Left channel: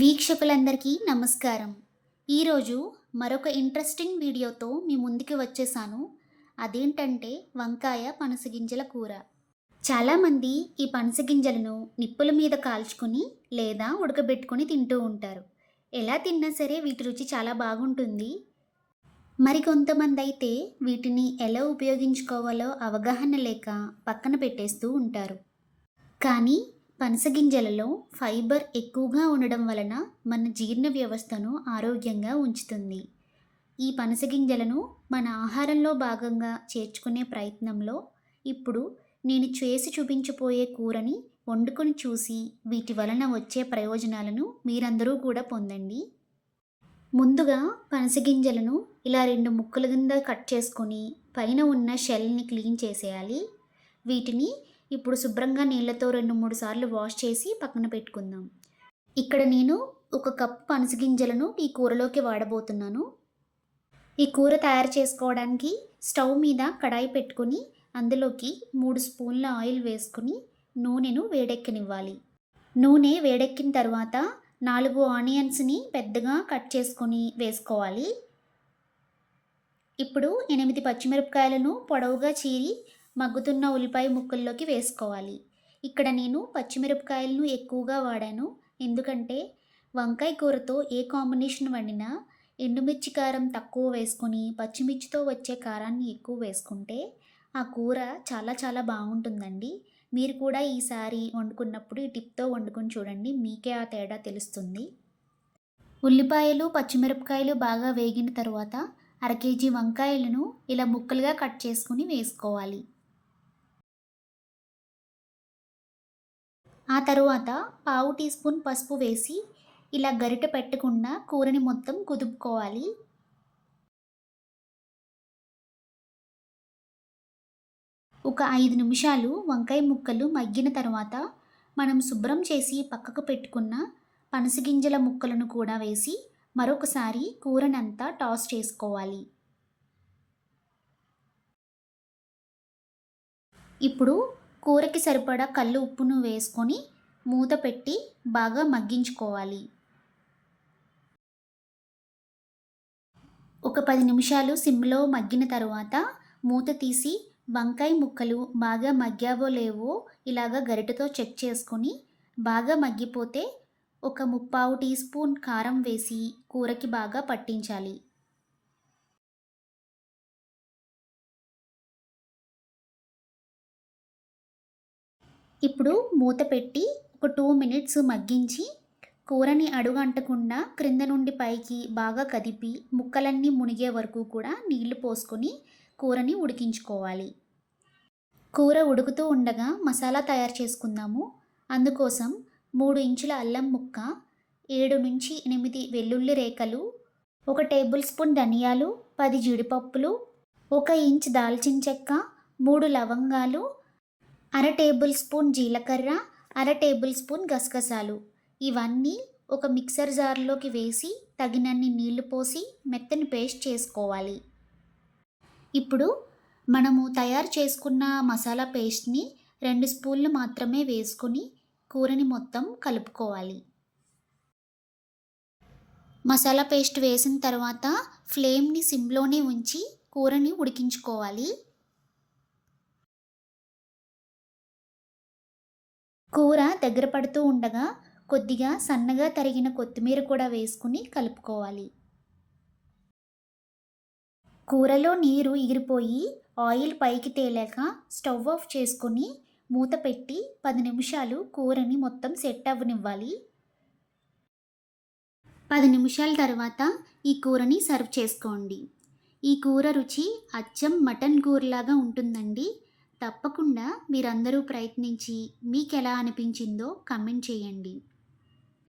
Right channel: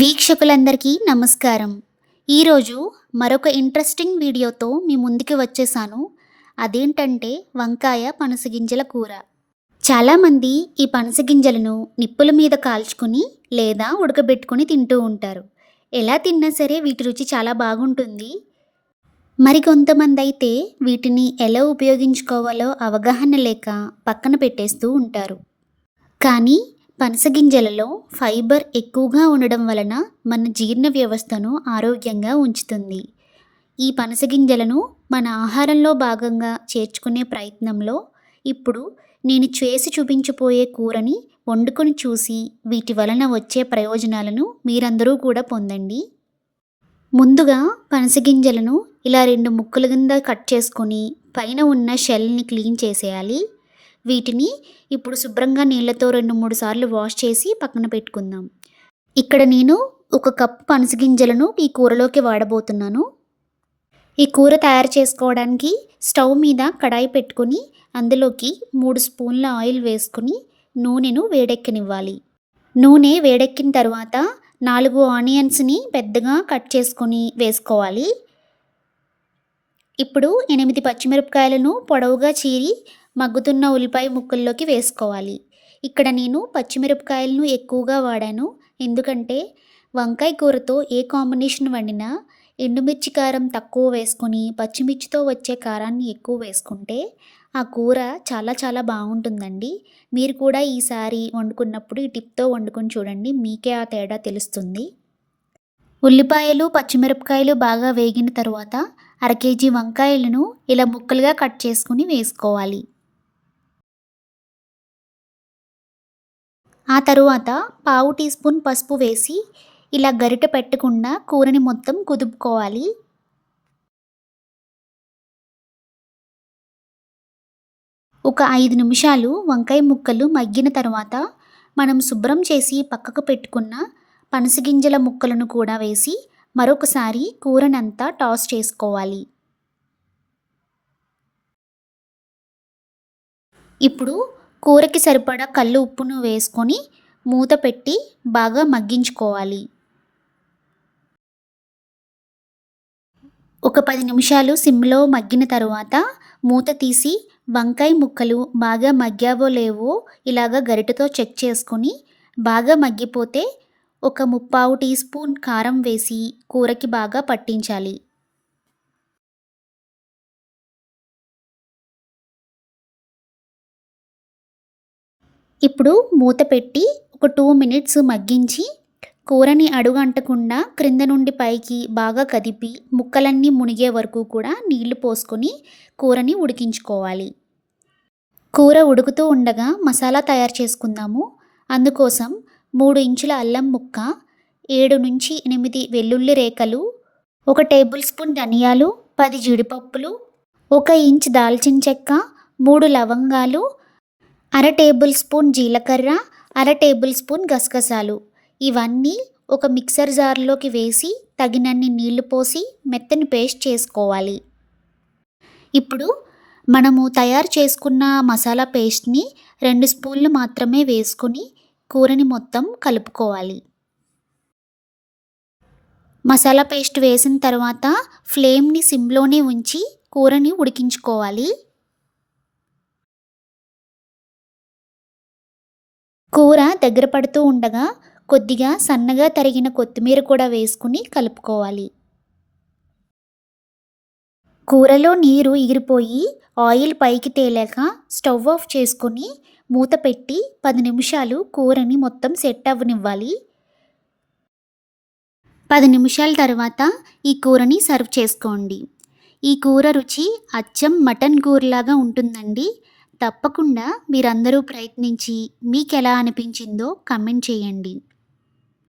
వీక్షకులందరికీ నమస్కారం. ఈరోజు మరొక ఇంట్రెస్టింగ్ వీడియోతో మీ ముందుకి వచ్చేసాను. అదేంటంటే వంకాయ పనసగింజల కూర. చాలామంది ఈ పనసగింజలను నిప్పుల మీద కాల్చుకుని లేదా ఉడకబెట్టుకుని తింటూ ఉంటారు. ఎలా తిన్నా సరే వీటి రుచి చాలా బాగుంటుంది. మరికొంతమంది అయితే వీటిని ఎలా ఉపయోగించుకోవాలో అవగాహన లేక పక్కన పెట్టేస్తూ ఉంటారు. కానీ పనసగింజలలో ఫైబర్ ఎక్కువగా ఉండడం వలన మన జీర్ణ వ్యవస్థను ఆరోగ్యంగా ఉంచుతుంది. ఈ పనసగింజలను మన ఆహారంలో భాగంగా చేర్చుకునే ప్రయత్నంలో ఇప్పుడు నేను చేసి చూపించబోయే కూరని వండుకొని చూసి వీటి వలన వచ్చే ప్రయోజనాలను మీరందరూ కూడా పొందండి. ముందుగా పనసగింజలను ఇలా 2 ముక్కల కింద కట్ చేసుకొని పైన ఉన్న షెల్ని క్లీన్ చేసేయాలి. వీటిని ఇప్పుడు శుభ్రంగా నీళ్ళతో 2-3 సార్లు వాష్ చేసి పక్కన పెట్టుకుందాం. ఇక్కడ నేను 1 కప్పు పనసగింజలను ఈ కూరలోకి వాడబోతున్నాను. ఈ కూర తయారు చేసుకోవడానికి స్టవ్ మీద కడాయి పెట్టుకొని అందులోకి 3 స్పూన్ల ఆయిల్ వేసుకుని నూనెను వేడెక్కనివ్వాలి. నూనె వేడెక్కిన తర్వాత 4 ఆనియన్స్ని పెద్దగా కట్ చేసుకొని వేసుకోవాలి. ఇప్పుడు 8 పచ్చిమిరపకాయలను పొడవుగా చీరి మగ్గుతున్న ఉల్లిపాయ ముక్కల్లోకి వేసుకోవాలి. ఇక్కడ నేను పచ్చిమిరపకాయలను ఎక్కువగా వాడాను. ఎందుకంటే వంకాయ కూరతో ఏ కాంబినేషన్ వండినా ఎండుమిర్చి కారం తక్కువ వేసుకొని పచ్చిమిర్చితో వచ్చే కారాన్ని ఎక్కువ వేసుకుంటే ఆ కూర చాలా చాలా బాగుంటుందండి. మీరు కూడా ఈసారి వండుకున్నప్పుడు ఈ టిప్తో వండుకొని చూడండి, మీకే ఆ తేడా తెలుస్తుంది. ఉల్లిపాయలు పచ్చిమిరపకాయలు బాగా వేగిన తర్వాత 1/2 కేజీ వంకాయలను ఇలా ముక్కలుగా కట్ చేసుకుని వేసుకోవాలి. ఆ తరువాత పావు టీ స్పూన్ పసుపు వేసి ఇలా గరిట పెట్టకుండా కూరని మొత్తం కుదుపుకోవాలి. ఒక 5 నిమిషాలు వంకాయ ముక్కలు మగ్గిన తర్వాత మనం శుభ్రం చేసి పక్కకు పెట్టుకున్న పనసగింజల ముక్కలను కూడా వేసి మరొకసారి కూరనంతా టాస్ చేసుకోవాలి. ఇప్పుడు కూరకి సరిపడా కల్లు ఉప్పును వేసుకొని మూత పెట్టి బాగా మగ్గించుకోవాలి. ఒక 10 నిమిషాలు సిమ్లో మగ్గిన తర్వాత మూత తీసి వంకాయ ముక్కలు బాగా మగ్గావో లేవో ఇలాగ గరిటెతో చెక్ చేసుకొని బాగా మగ్గిపోతే ఒక 3/4 టీ స్పూన్ కారం వేసి కూరకి బాగా పట్టించాలి. ఇప్పుడు మూత పెట్టి ఒక 2 మినిట్స్ మగ్గించి కూరని అడుగు అంటకుండా క్రింద నుండి పైకి బాగా కదిపి ముక్కలన్నీ మునిగే వరకు కూడా నీళ్లు పోసుకొని కూరని ఉడికించుకోవాలి. కూర ఉడుకుతూ ఉండగా మసాలా తయారు చేసుకుందాము. అందుకోసం 3 ఇంచుల అల్లం ముక్క, 7-8 వెల్లుల్లి రేఖలు, 1 టేబుల్ స్పూన్ ధనియాలు, 10 జీడిపప్పులు, 1 ఇంచ్ దాల్చిన చెక్క, 3 లవంగాలు, 1/2 టేబుల్ స్పూన్ జీలకర్ర, 1/2 టేబుల్ స్పూన్ గసగసాలు ఇవన్నీ ఒక మిక్సర్ జార్లోకి వేసి తగినన్ని నీళ్లు పోసి మెత్తని పేస్ట్ చేసుకోవాలి. ఇప్పుడు మనము తయారు చేసుకున్న మసాలా పేస్ట్ని 2 స్పూన్లు మాత్రమే వేసుకొని కూరని మొత్తం కలుపుకోవాలి. మసాలా పేస్ట్ వేసిన తర్వాత ఫ్లేమ్ని సిమ్లోనే ఉంచి కూరని ఉడికించుకోవాలి. కూర దగ్గర పడుతూ ఉండగా కొద్దిగా సన్నగా తరిగిన కొత్తిమీర కూడా వేసుకుని కలుపుకోవాలి. కూరలో నీరు ఎగిరిపోయి ఆయిల్ పైకి తేలాక స్టవ్ ఆఫ్ చేసుకొని మూత పెట్టి 10 నిమిషాలు కూరని మొత్తం సెట్ అవ్వనివ్వాలి. 10 నిమిషాల తర్వాత ఈ కూరని సర్వ్ చేసుకోండి. ఈ కూర రుచి అచ్చం మటన్ కూరలాగా ఉంటుందండి. తప్పకుండా మీరందరూ ప్రయత్నించి మీకెలా అనిపించిందో కామెంట్ చేయండి.